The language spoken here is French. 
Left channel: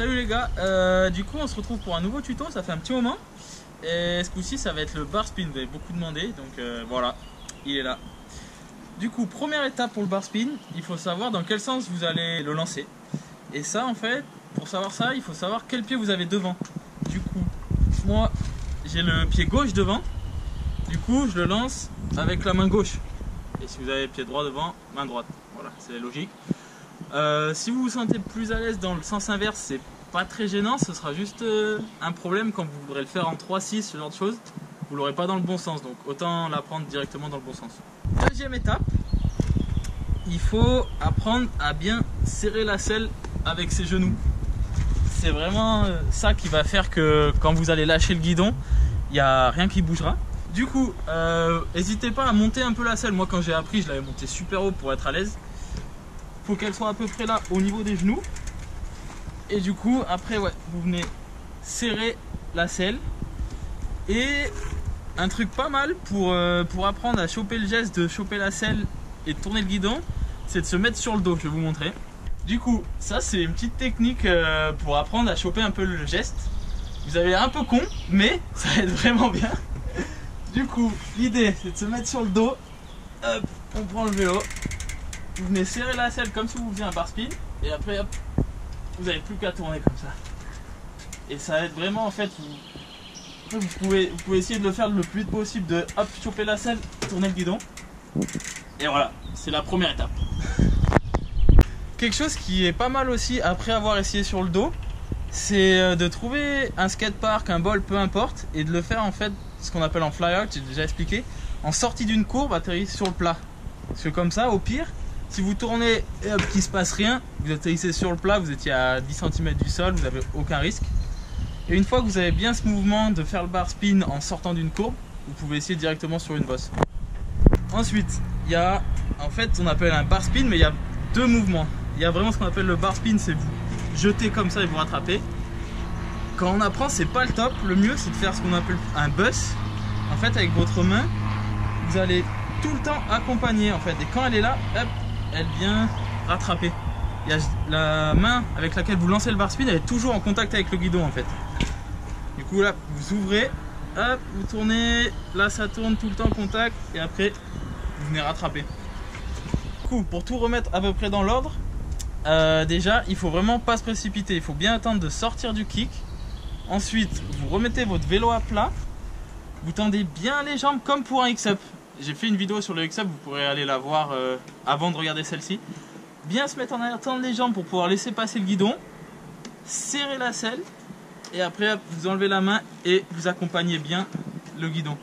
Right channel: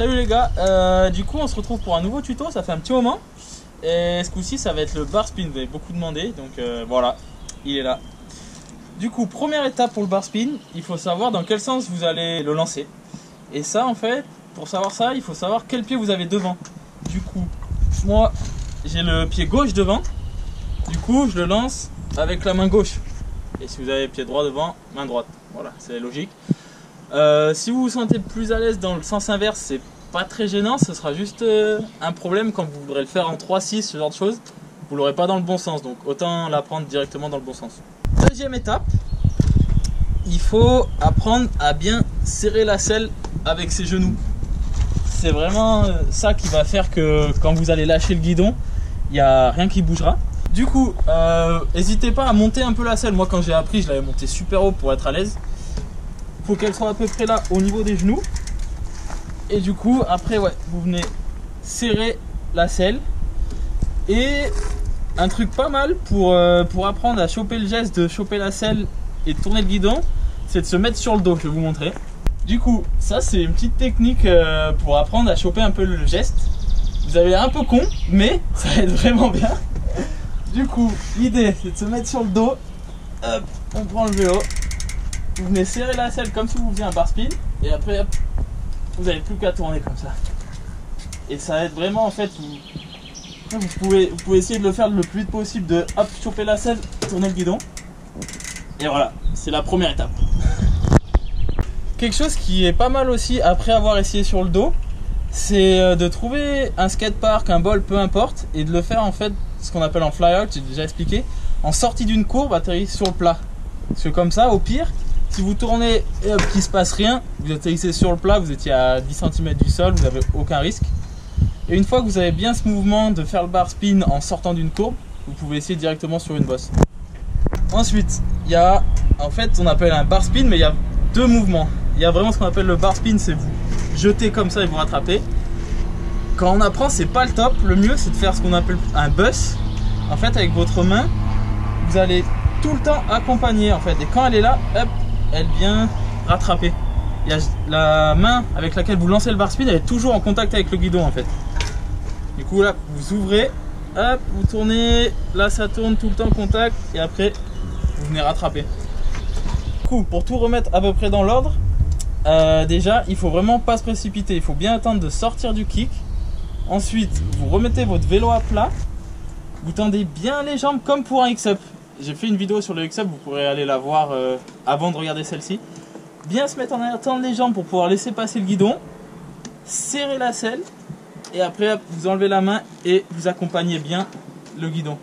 Salut les gars, du coup on se retrouve pour un nouveau tuto, ça fait un petit moment. Et ce coup-ci ça va être le bar spin, vous avez beaucoup demandé, donc voilà, il est là. Du coup, première étape pour le bar spin, il faut savoir dans quel sens vous allez le lancer. Et ça en fait, pour savoir ça, il faut savoir quel pied vous avez devant. Du coup, moi j'ai le pied gauche devant, du coup je le lance avec la main gauche. Et si vous avez le pied droit devant, main droite, voilà, c'est logique. Si vous vous sentez plus à l'aise dans le sens inverse, c'est pas très gênant, ce sera juste un problème quand vous voudrez le faire en 3-6, ce genre de choses, vous l'aurez pas dans le bon sens, donc autant l'apprendre directement dans le bon sens. Deuxième étape, il faut apprendre à bien serrer la selle avec ses genoux. C'est vraiment ça qui va faire que quand vous allez lâcher le guidon, il n'y a rien qui bougera. Du coup, n'hésitez pas à monter un peu la selle. Moi quand j'ai appris, je l'avais montée super haut pour être à l'aise. Faut qu'elle soit à peu près là au niveau des genoux. Et du coup après ouais, vous venez serrer la selle. Et un truc pas mal pour apprendre à choper le geste de choper la selle et de tourner le guidon, c'est de se mettre sur le dos. Je vais vous montrer. Du coup ça c'est une petite technique pour apprendre à choper un peu le geste. Vous avez un peu con mais ça aide vraiment bien. Du coup l'idée c'est de se mettre sur le dos. Hop, on prend le vélo. Vous venez serrer la selle comme si vous faisiez un bar spin et après hop, vous n'avez plus qu'à tourner comme ça. Et ça aide vraiment en fait. Vous pouvez essayer de le faire le plus vite possible, de hop, choper la selle, tourner le guidon. Et voilà, c'est la première étape. Quelque chose qui est pas mal aussi après avoir essayé sur le dos, c'est de trouver un skatepark, un bol, peu importe, et de le faire en fait ce qu'on appelle en fly-out, j'ai déjà expliqué, en sortie d'une courbe, atterrir sur le plat. Parce que comme ça, au pire, si vous tournez et hop, qu'il ne se passe rien, vous atterrissez sur le plat, vous étiez à 10 cm du sol, vous n'avez aucun risque. Et une fois que vous avez bien ce mouvement de faire le bar spin en sortant d'une courbe, vous pouvez essayer directement sur une bosse. Ensuite, il y a, en fait, on appelle un bar spin, mais il y a deux mouvements. Il y a vraiment ce qu'on appelle le bar spin, c'est vous jeter comme ça et vous rattraper. Quand on apprend, c'est pas le top. Le mieux, c'est de faire ce qu'on appelle un bus. En fait, avec votre main, vous allez tout le temps accompagner, en fait. Et quand elle est là, hop, elle vient rattraper. Il y a la main avec laquelle vous lancez le bar spin, elle est toujours en contact avec le guidon, en fait. Du coup là, vous ouvrez, hop, vous tournez, là ça tourne tout le temps contact et après vous venez rattraper. Du coup, pour tout remettre à peu près dans l'ordre, déjà il faut vraiment pas se précipiter, il faut bien attendre de sortir du kick. Ensuite, vous remettez votre vélo à plat, vous tendez bien les jambes comme pour un X-Up. J'ai fait une vidéo sur le X-Up, vous pourrez aller la voir avant de regarder celle-ci. Bien se mettre en arrière, tendre les jambes pour pouvoir laisser passer le guidon, serrer la selle. Et après, vous enlevez la main et vous accompagnez bien le guidon.